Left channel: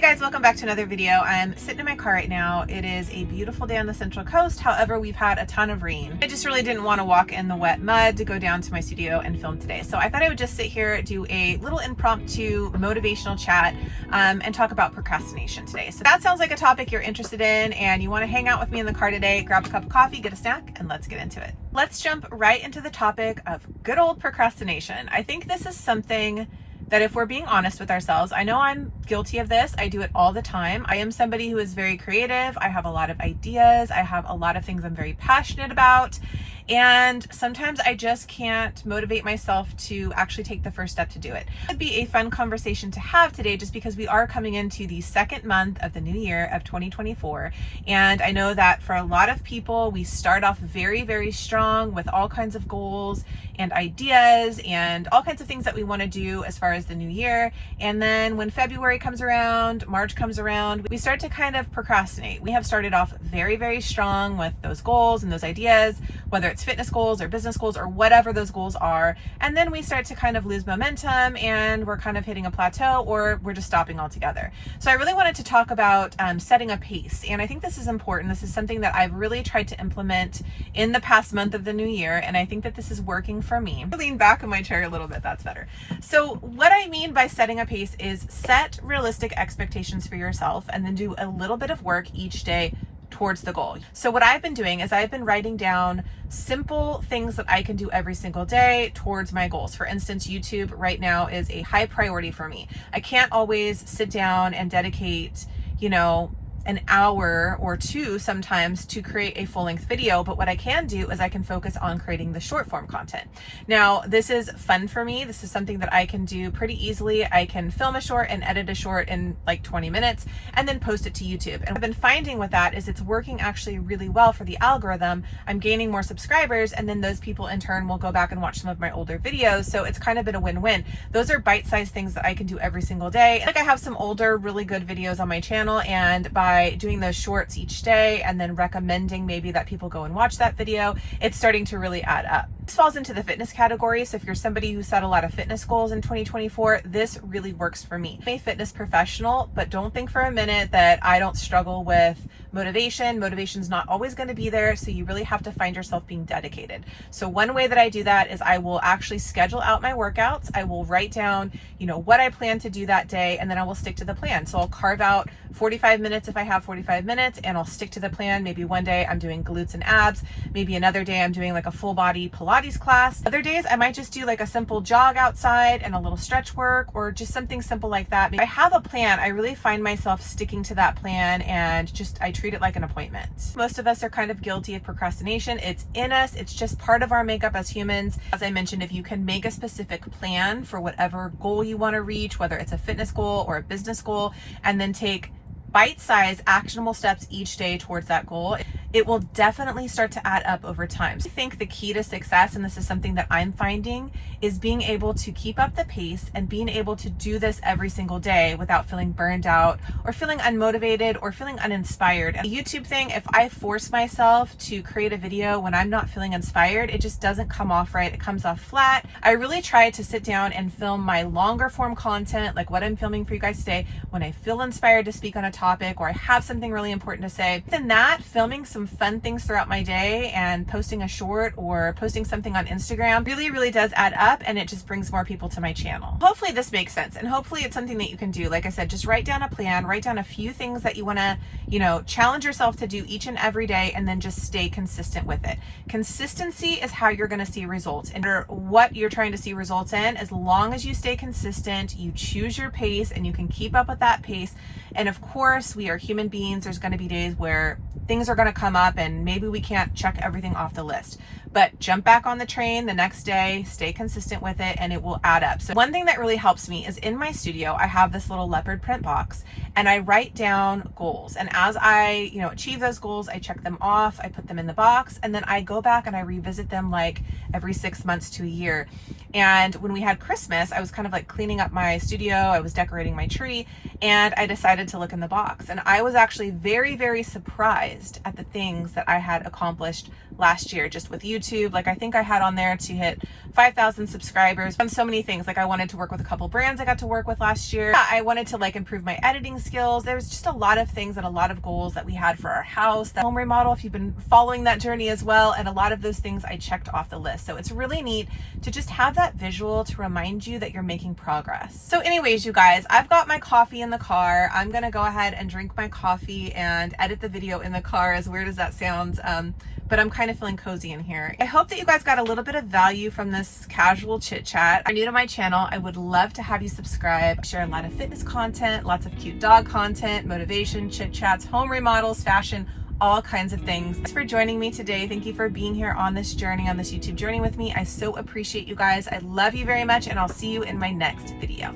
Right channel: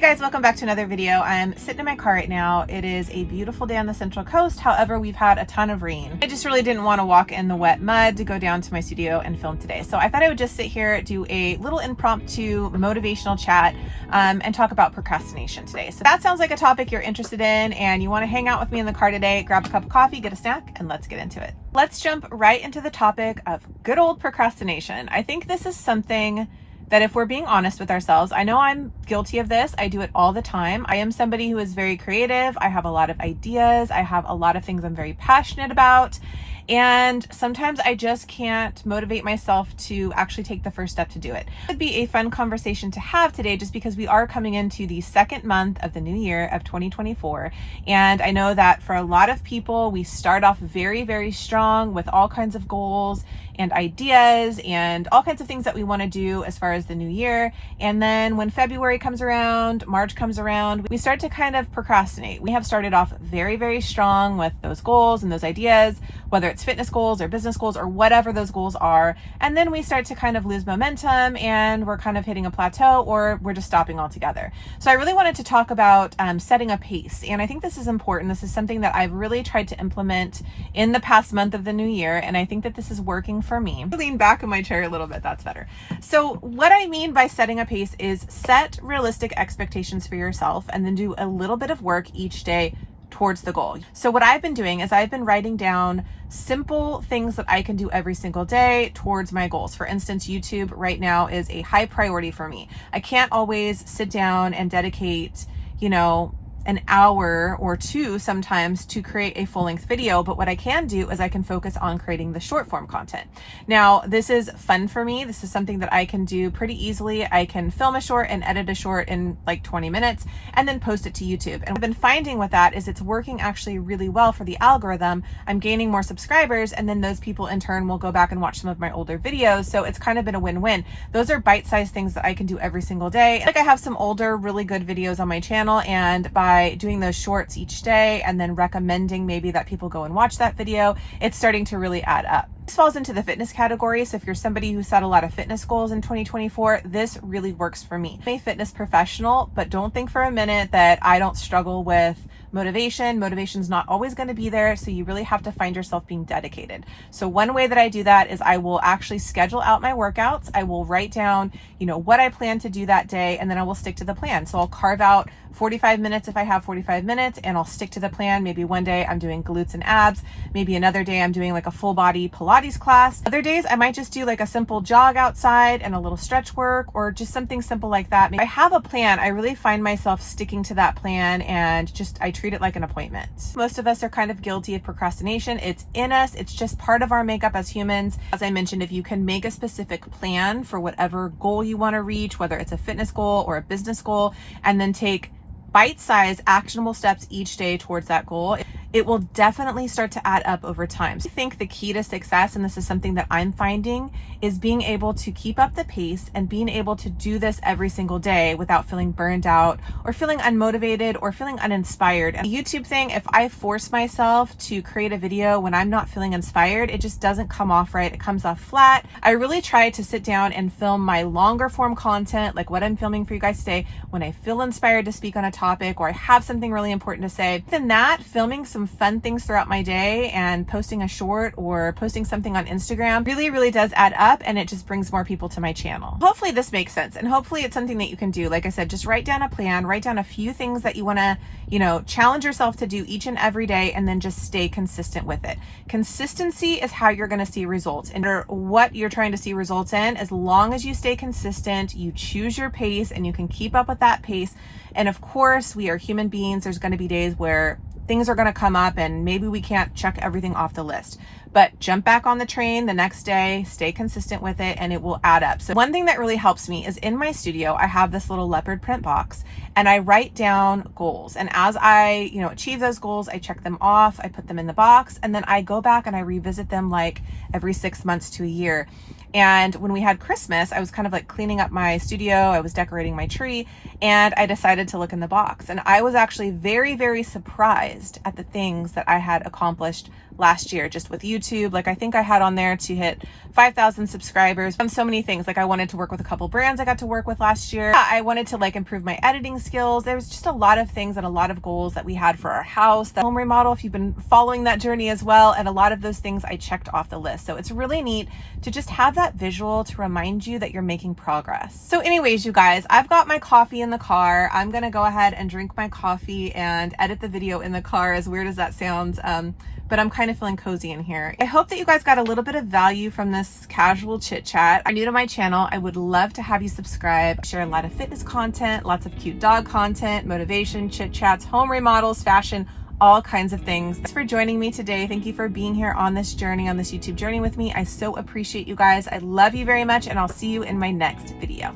Hey guys, welcome back to another video. I'm sitting in my car right now. It is a beautiful day on the Central Coast. However, we've had a ton of rain. I just really didn't want to walk in the wet mud to go down to my studio and film today. So I thought I would just sit here, do a little impromptu motivational chat and talk about procrastination today. So if that sounds like a topic you're interested in and you want to hang out with me in the car today, grab a cup of coffee, get a snack, and let's get into it. Let's jump right into the topic of good old procrastination. I think this is something that if we're being honest with ourselves, I know I'm guilty of this. I do it all the time. I am somebody who is very creative. I have a lot of ideas. I have a lot of things I'm very passionate about. And sometimes I just can't motivate myself to actually take the first step to do it. It would be a fun conversation to have today just because we are coming into the second month of the new year of 2024. And I know that for a lot of people, we start off very, very strong with all kinds of goals and ideas and all kinds of things that we want to do as far as the new year. And then when February comes around, March comes around, we start to kind of procrastinate. We have started off very, very strong with those goals and those ideas, whether it's fitness goals or business goals or whatever those goals are. And then we start to kind of lose momentum and we're kind of hitting a plateau or we're just stopping altogether. So I really wanted to talk about setting a pace. And I think this is important. This is something that I've really tried to implement in the past month of the new year. And I think that this is working for me. Lean back in my chair a little bit. That's better. So what I mean by setting a pace is set realistic expectations for yourself and then do a little bit of work each day towards the goal. So what I've been doing is I've been writing down simple things that I can do every single day towards my goals. For instance, YouTube right now is a high priority for me. I can't always sit down and dedicate, an hour or two sometimes to create a full-length video, but what I can do is I can focus on creating the short form content. Now, this is fun for me. This is something that I can do pretty easily. I can film a short and edit a short in like 20 minutes and then post it to YouTube. And what I've been finding with that is it's working actually really well for the algorithm. I'm gaining more subscribers and then those people in turn will go back and watch some of my older videos. So it's kind of been a win-win. Those are bite-sized things that I can do every single day. Like I have some older, really good videos on my channel, and by doing those shorts each day and then recommending maybe that people go and watch that video, it's starting to really add up. This falls into the fitness category. So if you're somebody who set a lot of fitness goals in 2024, this really works for me. I'm a fitness professional, but don't think for a minute that I don't struggle with motivation. Motivation's not always going to be there. So you really have to find yourself being dedicated. So one way that I do that is I will actually schedule out my workouts. I will write down, what I plan to do that day, and then I will stick to the plan. So I'll carve out 45 minutes if I have 45 minutes and I'll stick to the plan. Maybe one day I'm doing glutes and abs. Maybe another day I'm doing like a full body Pilates class. Other days I might just do like a simple jog outside and a little stretch work or just something simple like that. If I have a plan, I really find myself sticking to that plan and I treat it like an appointment. Most of us are kind of guilty of procrastination. It's in us. It's just part of our makeup as humans. As I mentioned, if you can make a specific plan for whatever goal you want to reach, whether it's a fitness goal or a business goal, and then take bite-sized actionable steps each day towards that goal, it will definitely start to add up over time. So I think the key to success, and this is something that I'm finding, is being able to keep up the pace and being able to do this every single day without feeling burned out or feeling unmotivated or feeling uninspired. And the YouTube thing, if I force myself to create a video when I'm not feeling inspired, it just doesn't come off right. It comes off flat. I really try to sit down and film my longer form content, like what I'm filming for you guys today, when I feel inspired to speak on a topic or I have something really important to say. Than that, filming some fun things throughout my day and posting a short or posting something on Instagram really, really does add up, and it just brings more people to my channel. Hopefully this makes sense, and hopefully it's something that you can do. Like I said, just write down a plan, write down a few things that you want to, challenge yourself to do each and every day, and then just stay consistent with it. Consistency is how you're going to see results, and what you're trying to see results in, as long as you stay consistent, you choose your pace and you can keep up with that pace. And of course, we are human beings. There's going to be days where things are going to come up and maybe we can't check everything off the list, but jump back on the train the next day, stay consistent with it, and it will add up. So one thing that really helps me is in my studio, I have this little leopard print box and I write down goals. And as I, achieve those goals, I check them off, I put them in the box, and then I go back and I revisit them like every 6 months to a year. And when we had Christmas, I was kind of like cleaning up my studio. I was decorating my tree and I decided to look in the box. And I was actually very, very surprised at the things that I had accomplished last year just with YouTube. Like I think I had on there to hit 5,000 subscribers and so many things. Like I wanted to work with a couple brands I got to work with last year. I wanted to like improve my editing skills. There was just a lot of things and a lot of goals that we had for our house, the home remodel, if you've been following that journey as well. And a lot of those things I checked off the list. So it's really neat to just have that visual to remind you that you're making progress. So anyways, you guys, I've got my coffee in the car. I'm gonna go ahead and drink my coffee and edit the video in the car, as weird as that sounds. But I'm kind of feeling cozy in here. I hope that you guys got a little bit of value from this casual chit chat. If you're new to my channel, I would love to have you subscribe. I share a lot of fitness content, lots of cute dog content, motivation, chit chats, home remodels, fashion, all kinds of things. Thanks for joining me today. Thank you for being here on this journey, on this YouTube journey with me. I so appreciate you guys. I love you very much, and I'll see you in my next video.